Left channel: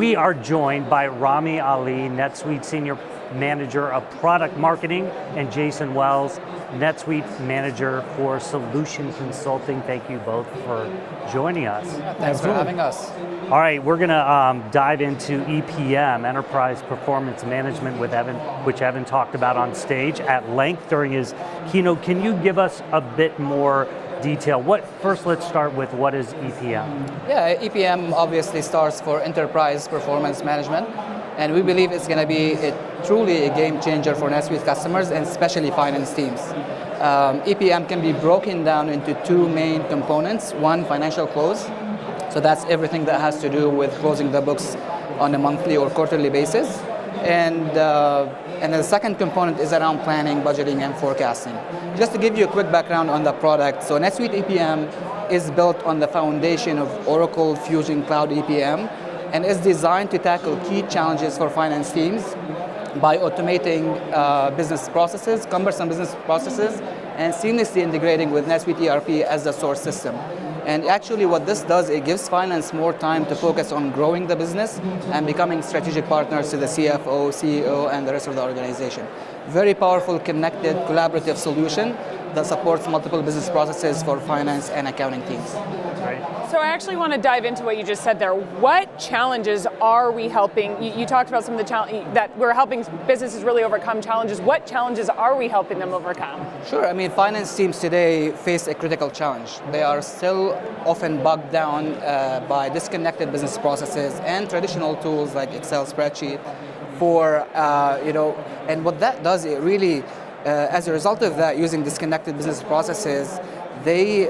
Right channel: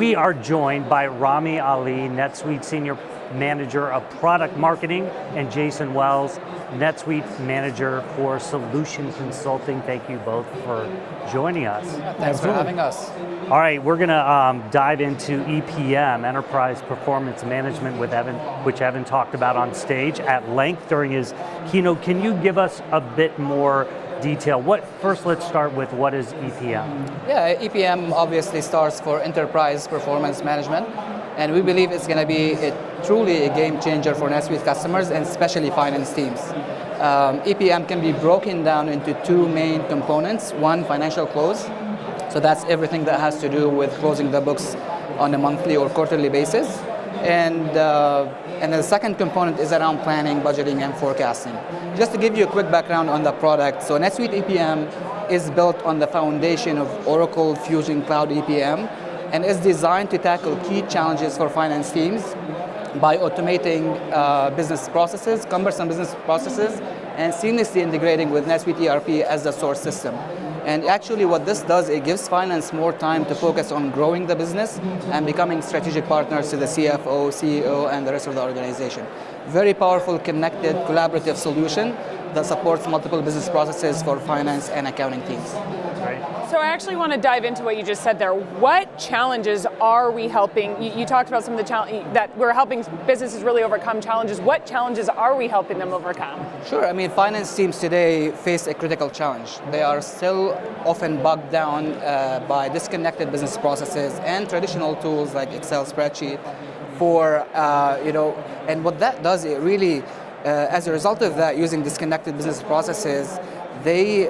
We are joined by Rami Ali, NetSuite Senior Manager of Product Marketing, and Jason Wells, NetSuite Manager for Solution Consulting. Thank you both for joining us. Thanks for having us. All right, we're going to dive into EPM, Enterprise Performance Management, with Evan, which Evan talked about on stage at length during his keynote. Can you give us a bit more detail? First, let's start with what is EPM? Yeah, EPM obviously stands for Enterprise Performance Management, and we believe it's going to be truly a game changer for NetSuite customers and especially finance teams. EPM can be broken down into two main components. One, financial close. So that's everything that has to do with closing the books on a monthly or quarterly basis. And the second component is around planning, budgeting, and forecasting. Just to give you a quick background on the product, so NetSuite EPM is built on the foundation of Oracle Fusion Cloud EPM and is designed to tackle key challenges for finance teams by automating business processes, cumbersome business processes, and seamlessly integrating with NetSuite ERP as the source system. And actually what this does, it gives finance more time to focus on growing the business and becoming strategic partners to the CFO, CEO, and the rest of the organization. Very powerful, connected, collaborative solution that supports multiple business processes for finance and accounting teams. So I actually want to dive into what you just said there. What challenges are we helping? You talked about some of the challenges that we're helping businesses really overcome challenges. What challenges are we helping them overcome? Sure. I mean, finance teams today face a critical challenge. They are still often bogged down by disconnected business processes and traditional tools like Excel spreadsheet and what that does, it really, as a result of that, using disconnected business processes, they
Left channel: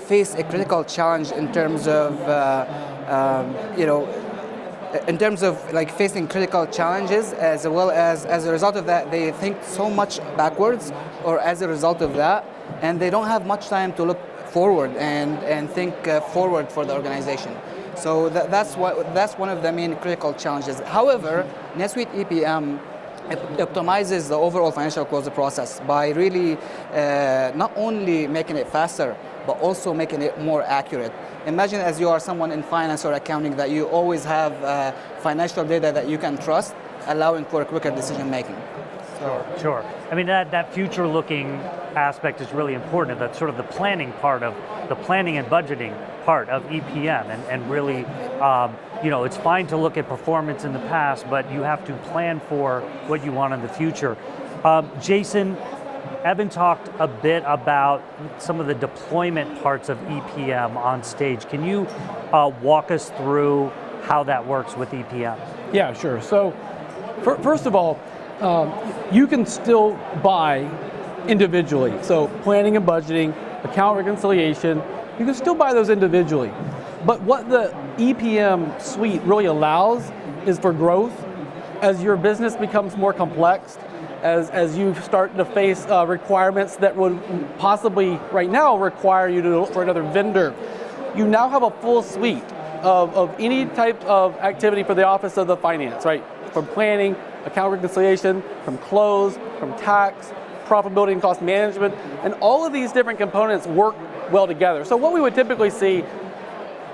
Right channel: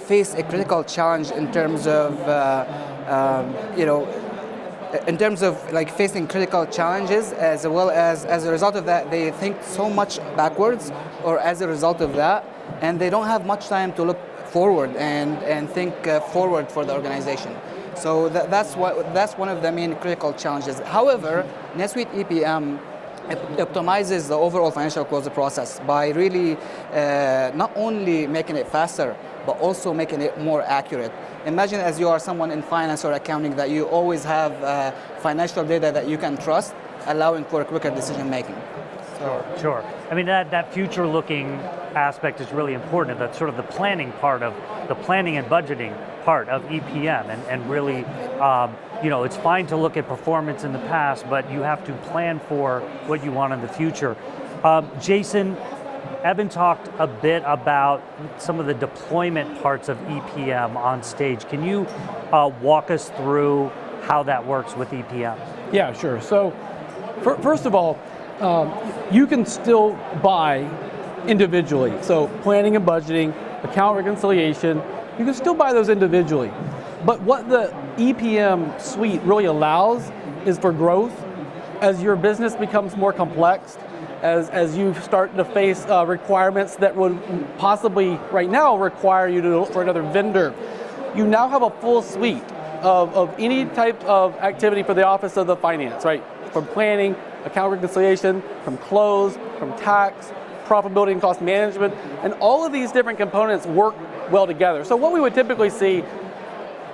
face a critical challenge in terms of, facing critical challenges, as well as a result of that, they think so much backwards, or as a result of that, and they don't have much time to look forward and think forward for the organization. So that's one of the main critical challenges. However, NetSuite EPM optimizes the overall financial close process by really not only making it faster, but also making it more accurate. Imagine as you are someone in finance or accounting that you always have financial data that you can trust, allowing for quicker decision making. Sure. I mean, that future-looking aspect is really important. That's sort of the planning part of the planning and budgeting part of EPM, and really, it's fine to look at performance in the past, but you have to plan for what you want in the future. Jason, Evan talked a bit about some of the deployment parts of EPM on stage. Can you walk us through how that works with EPM? Yeah, sure. So, first of all, you can still buy individually. So planning and budgeting, account reconciliation, you can still buy those individually. But what the EPM suite really allows is for growth. As your business becomes more complex, as you start to face requirements that would possibly right now require you to look for another vendor, you now have a full suite of any type of activity for the office of the finance, right? From planning, account reconciliation, from close, from tax, profitability and cost management, and all of these different components work well together. So what we would typically see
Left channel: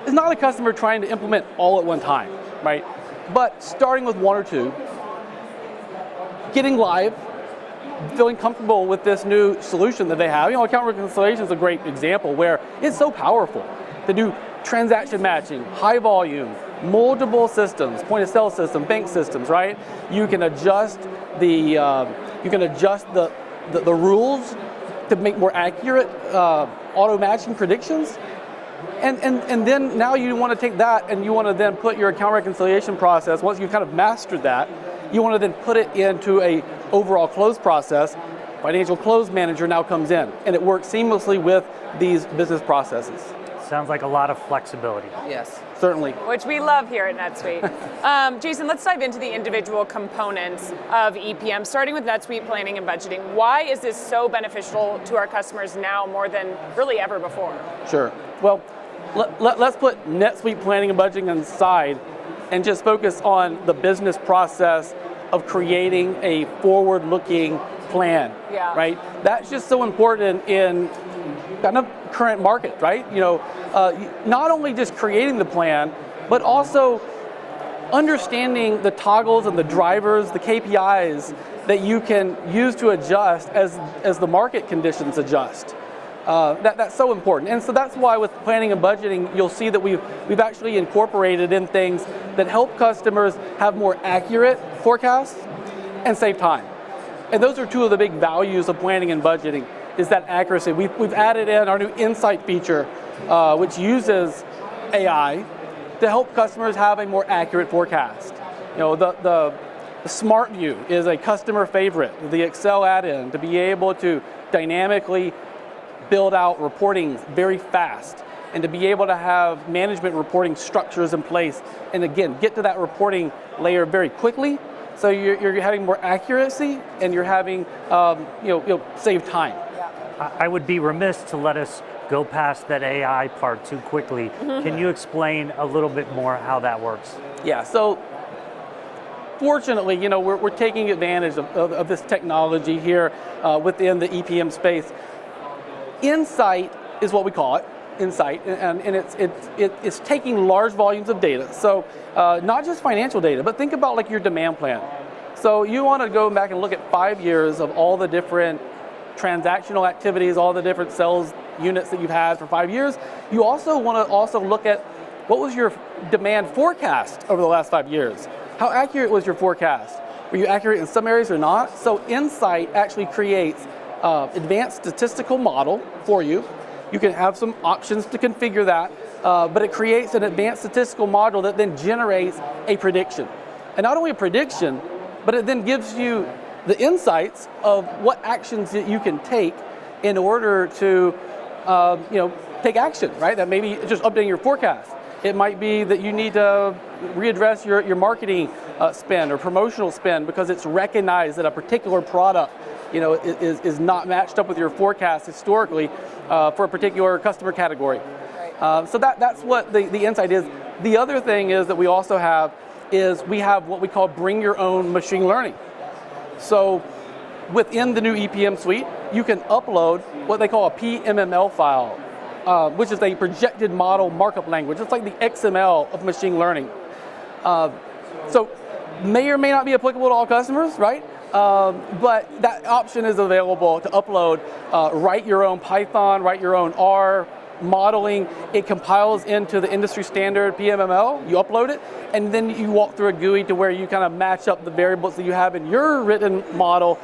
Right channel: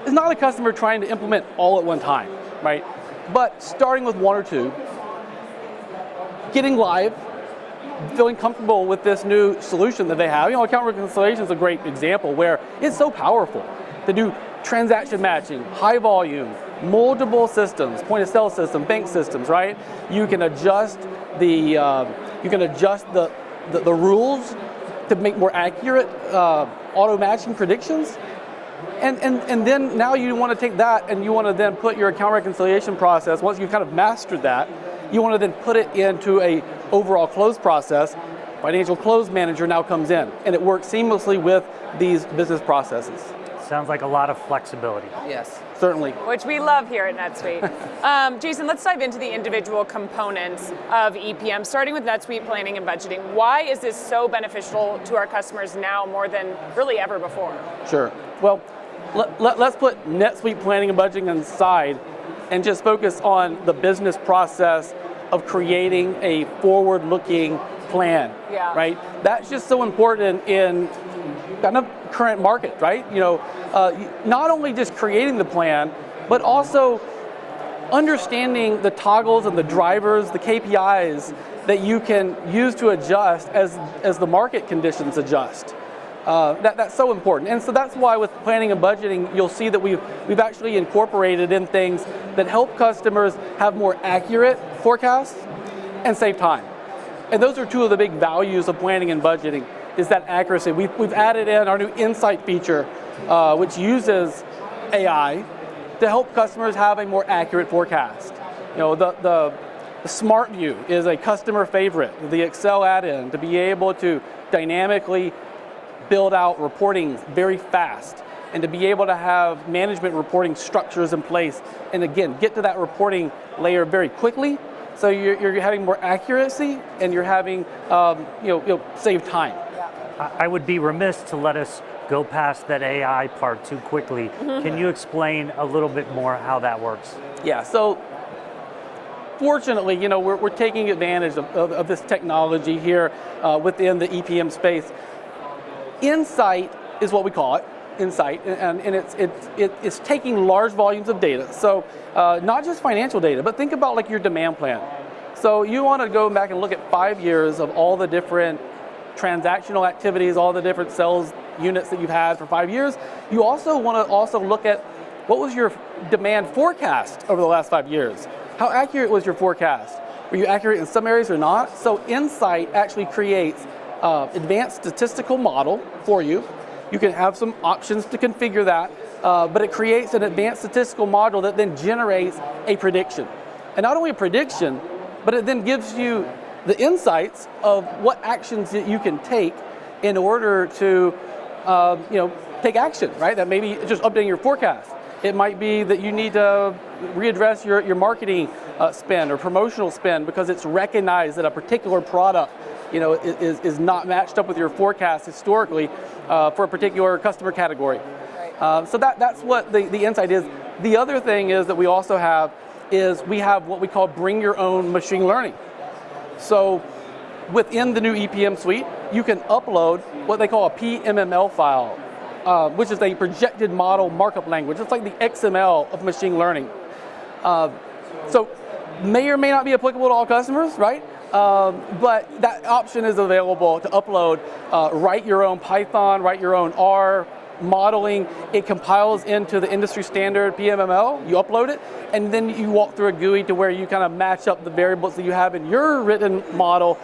is not a customer trying to implement all at one time, right? But starting with one or two, getting live, feeling comfortable with this new solution that they have. Account reconciliation is a great example where it's so powerful to do transaction matching, high volume, multiple systems, point of sale system, bank systems, right? You can adjust the rules to make more accurate auto matching predictions. And then now you want to take that and you want to then put your account reconciliation process, once you've kind of mastered that, you want to then put it into a overall close process. Financial Close Manager now comes in and it works seamlessly with these business processes. Sounds like a lot of flexibility. Yes, certainly. Which we love here at NetSuite. Jason, let's dive into the individual components of EPM, starting with NetSuite planning and budgeting. Why is this so beneficial to our customers now more than really ever before? Sure. Well, let's put NetSuite planning and budgeting aside and just focus on the business process of creating a forward-looking plan, right? That's just so important in kind of current market, right? Not only just creating the plan, but also understanding the toggles and the drivers, the KPIs that you can use to adjust as the market conditions adjust. That's so important. And so that's why with planning and budgeting, you'll see that we've actually incorporated in things that help customers have more accurate forecasts and save time. And those are two of the big values of planning and budgeting, is that accuracy. We've added in our new Insight feature, which uses AI to help customers have a more accurate forecast. The Smart View is a customer favorite, the Excel add-in, to be able to dynamically build out reporting very fast and to be able to have management reporting structures in place, and again, get to that reporting layer very quickly. So you're having more accuracy, and you're having save time. I would be remiss to let us go past that AI part too quickly. Can you explain a little bit more how that works? Yeah. So fortunately, we're taking advantage of this technology here within the EPM space. Insight is what we call it. Insight, and it's taking large volumes of data. So not just financial data, but think about like your demand plan. So you want to go back and look at 5 years of all the different transactional activities, all the different sales units that you've had for 5 years. You also want to look at what was your demand forecast over the last 5 years. How accurate was your forecast? Were you accurate in some areas or not? So Insight actually creates advanced statistical model for you. You can have some options to configure that, but it creates an advanced statistical model that then generates a prediction. And not only a prediction, but it then gives you the insights of what actions that you can take in order to take action, right? That maybe just updating your forecast. It might be that you need to readdress your marketing spend or promotional spend because it's recognized that a particular product is not matched up with your forecast historically for a particular customer category. So that's what the insight is. The other thing is that we also have what we call bring your own machine learning. So within the new EPM suite, you can upload what they call a PMML file, which is a projected model markup language. It's like the XML of machine learning. So may or may not be applicable to all customers, right? But that option is available to upload, write your own Python, write your own R modeling. It compiles into the industry standard PMML, you upload it, and then you walk through a GUI to where you kind of match up the variables that you have in your written model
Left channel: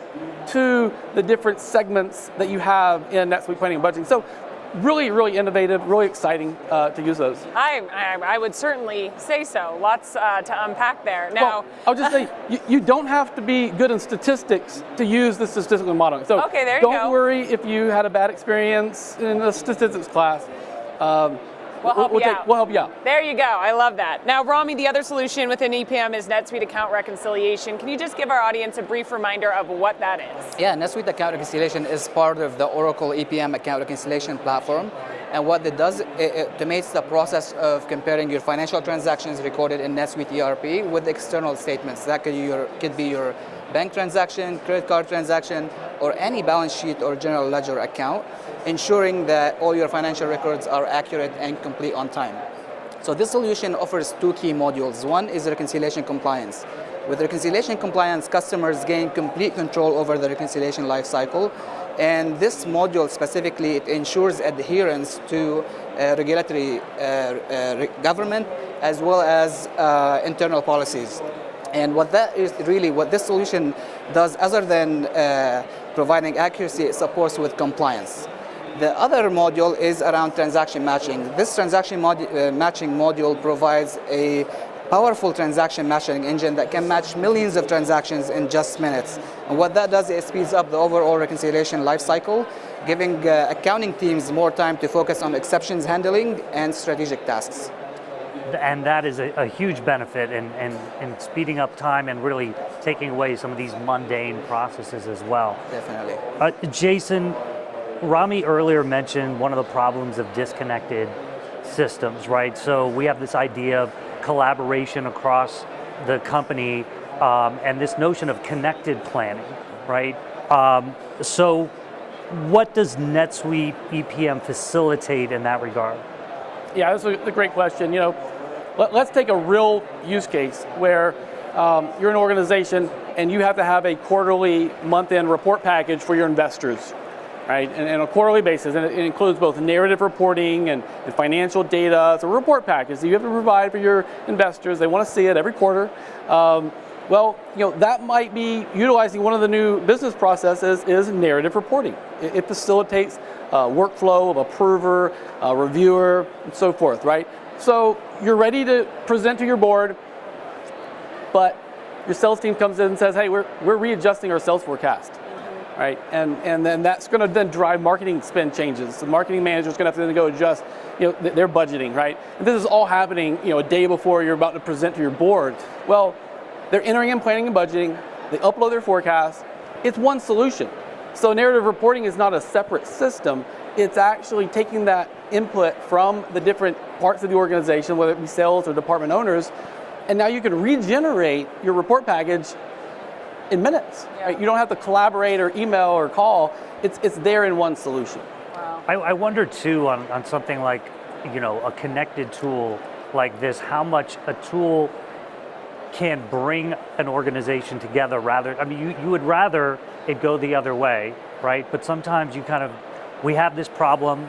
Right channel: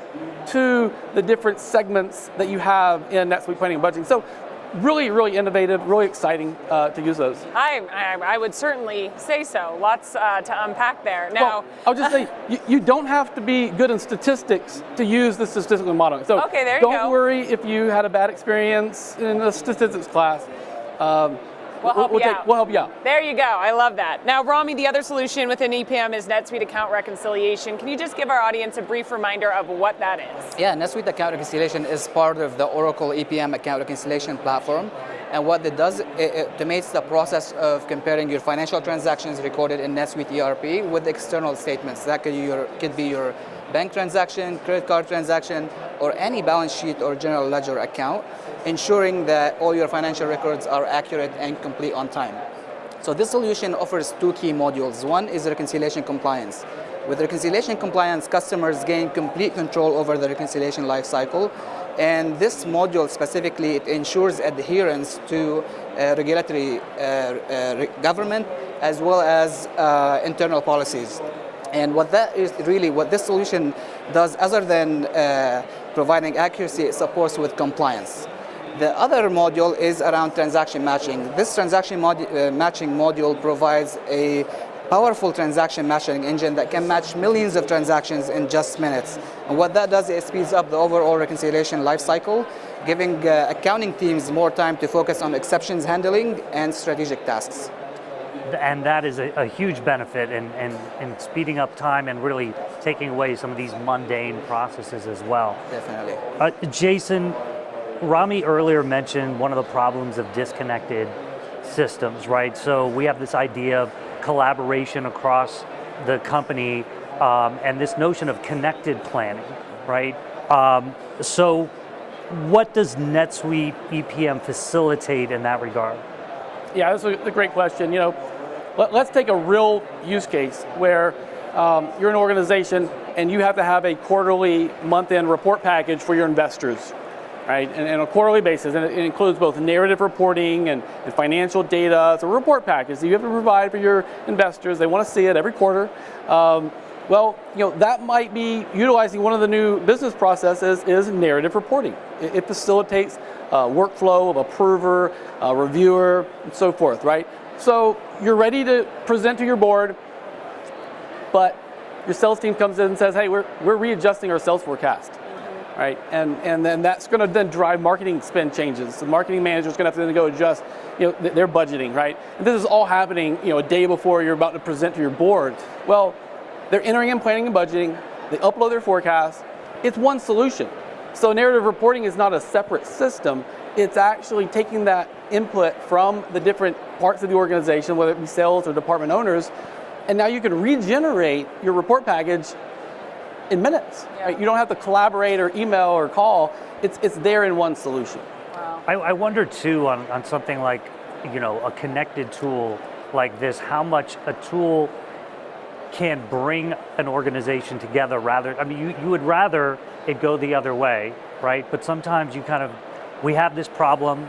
to the different segments that you have in NetSuite planning and budgeting. So really, really innovative, really exciting to use those. I would certainly say so. Lots to unpack there. Now, well, I'll just say, you don't have to be good in statistics to use the statistical modeling. So okay, there you go. Don't worry if you had a bad experience in a statistics class. We'll help you out. out. There you go. I love that. Now, Rami, the other solution within EPM is NetSuite Account Reconciliation. Can you just give our audience a brief reminder of what that is? Yeah, NetSuite Account Reconciliation is part of the Oracle EPM Account Reconciliation platform. And what it does, it automates the process of comparing your financial transactions recorded in NetSuite ERP with external statements. That could be your bank transaction, credit card transaction, or any balance sheet or general ledger account, ensuring that all your financial records are accurate and complete on time. So this solution offers two key modules. One is reconciliation compliance. With reconciliation compliance, customers gain complete control over the reconciliation lifecycle. And this module specifically, it ensures adherence to regulatory government as well as internal policies. And what this solution does, other than providing accuracy, it supports with compliance. The other module is around transaction matching. This transaction matching module provides a powerful transaction matching engine that can match millions of transactions in just minutes. And what that does is it speeds up the overall reconciliation lifecycle, giving accounting teams more time to focus on exceptions handling and strategic tasks. And that is a huge benefit in speeding up time and really taking away some of these mundane processes as well. Definitely. Jason, Rami earlier mentioned one of the problems of disconnected systems, right? So we have this idea of collaboration across the company and this notion of connected planning, right? So what does NetSuite EPM facilitate in that regard? Yeah, that's a great question. let's take a real use case where you're an organization and you have to have a quarterly month-end report package for your investors, right? And on a quarterly basis, and it includes both narrative reporting and financial data. It's a report package that you have to provide for your investors. They want to see it every quarter. Well, that might be utilizing one of the new business processes is narrative reporting. It facilitates workflow of approver, reviewer, and so forth, right? So you're ready to present to your board, but your sales team comes in and says, hey, we're readjusting our sales forecast, right? And then that's going to then drive marketing spend changes. The marketing manager is going to have to then go adjust, their budgeting, right? And this is all happening, a day before you're about to present to your board. Well, they're entering in planning and budgeting. They upload their forecast. It's one solution. So narrative reporting is not a separate system. It's actually taking that input from the different parts of the organization, whether it be sales or department owners, and now you can regenerate your report package in minutes. Right? You don't have to collaborate or email or call. It's there in one solution. Wow. I wonder too on something like, a connected tool like this, how much a tool can bring an organization together you would rather it go the other way, right? But sometimes we have this problem,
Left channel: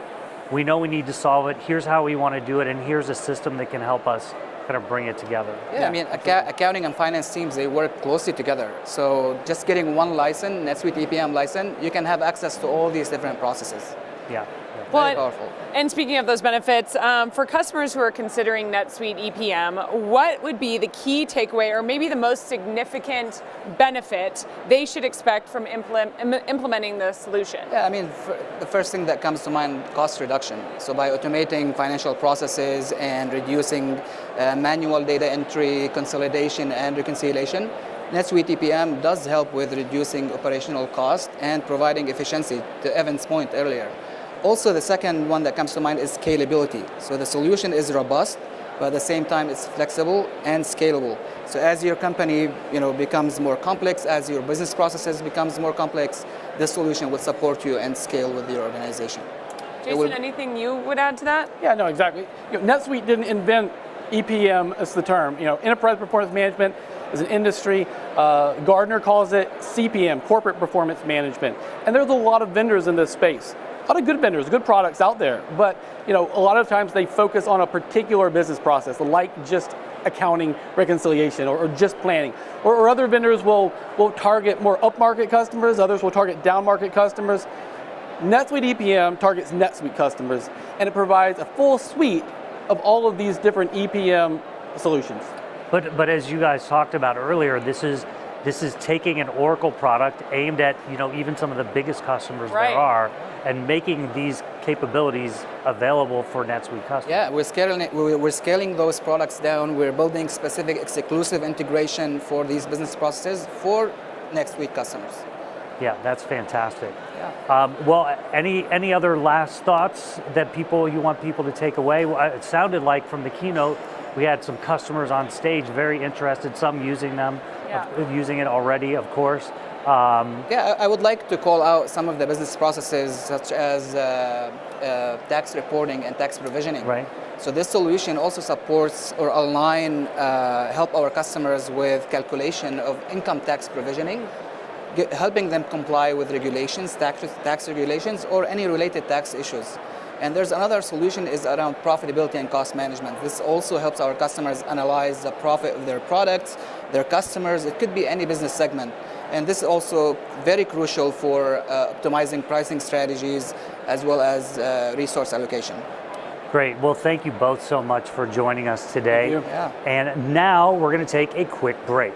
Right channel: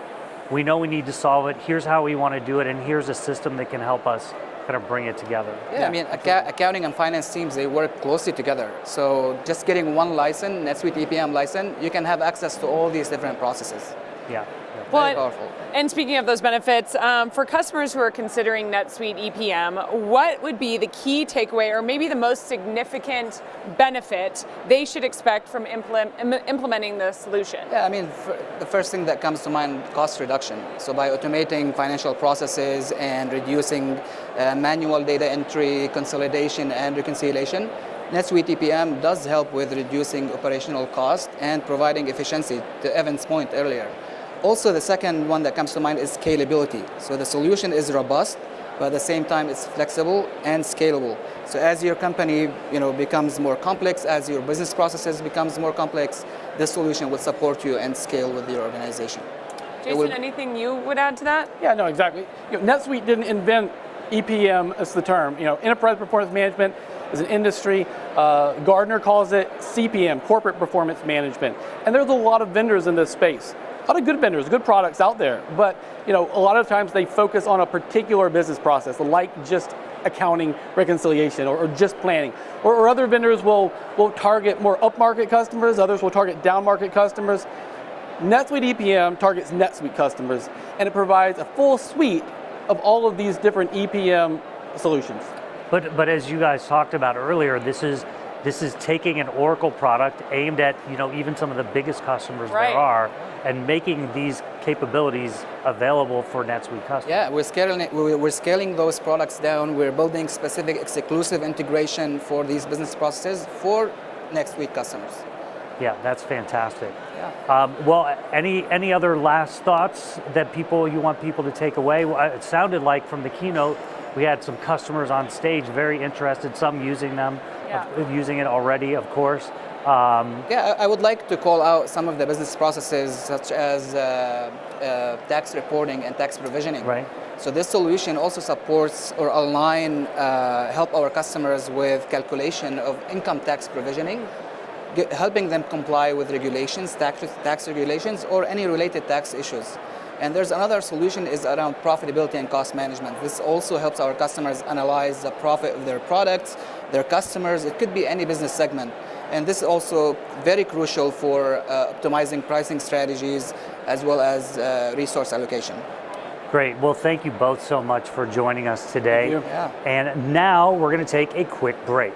we know we need to solve it, here's how we want to do it, and here's a system that can help us kind of bring it together. Yeah, I mean, accounting and finance teams, they work closely together. So just getting one license, NetSuite EPM license, you can have access to all these different processes. Yeah. Very powerful. And speaking of those benefits, for customers who are considering NetSuite EPM, what would be the key takeaway or maybe the most significant benefit they should expect from implementing the solution? Yeah, I mean, the first thing that comes to mind, cost reduction. So by automating financial processes and reducing manual data entry, consolidation, and reconciliation, NetSuite EPM does help with reducing operational cost and providing efficiency, to Evan's point earlier. Also, the second one that comes to mind is scalability. So the solution is robust, but at the same time it's flexible and scalable. So as your company becomes more complex, as your business processes becomes more complex, this solution will support you and scale with your organization. Jason, anything you would add to that? Yeah, no, exactly. NetSuite didn't invent EPM as the term. Enterprise Performance Management is an industry. Gartner calls it CPM, Corporate Performance Management. And there's a lot of vendors in this space. A lot of good vendors, good products out there, but a lot of times they focus on a particular business process, like just accounting reconciliation or just planning. Or other vendors will target more upmarket customers, others will target downmarket customers. NetSuite EPM targets NetSuite customers, and it provides a full suite of all of these different EPM solutions. But as you guys talked about earlier, this is taking an Oracle product aimed at even some of the biggest customers Right. there are, and making these capabilities available for NetSuite customers. Yeah, we're scaling those products down. We're building specific exclusive integration for these business processes for NetSuite customers. Yeah, that's fantastic. Yeah. Well, any other last thoughts that you want people to take away? It sounded like from the keynote we had some customers on stage very interested, some using using it already, of course. I would like to call out some of the business processes such as tax reporting and tax provisioning. Right. So this solution also supports or help our customers with calculation of income tax provisioning, helping them comply with regulations, tax regulations, or any related tax issues. And there's another solution is around profitability and cost management. This also helps our customers analyze the profit of their products, their customers. It could be any business segment. And this is also very crucial for optimizing pricing strategies as well as resource allocation. Great. Well, thank you both so much for joining us today. Thank you. Yeah. And now we're going to take a quick break.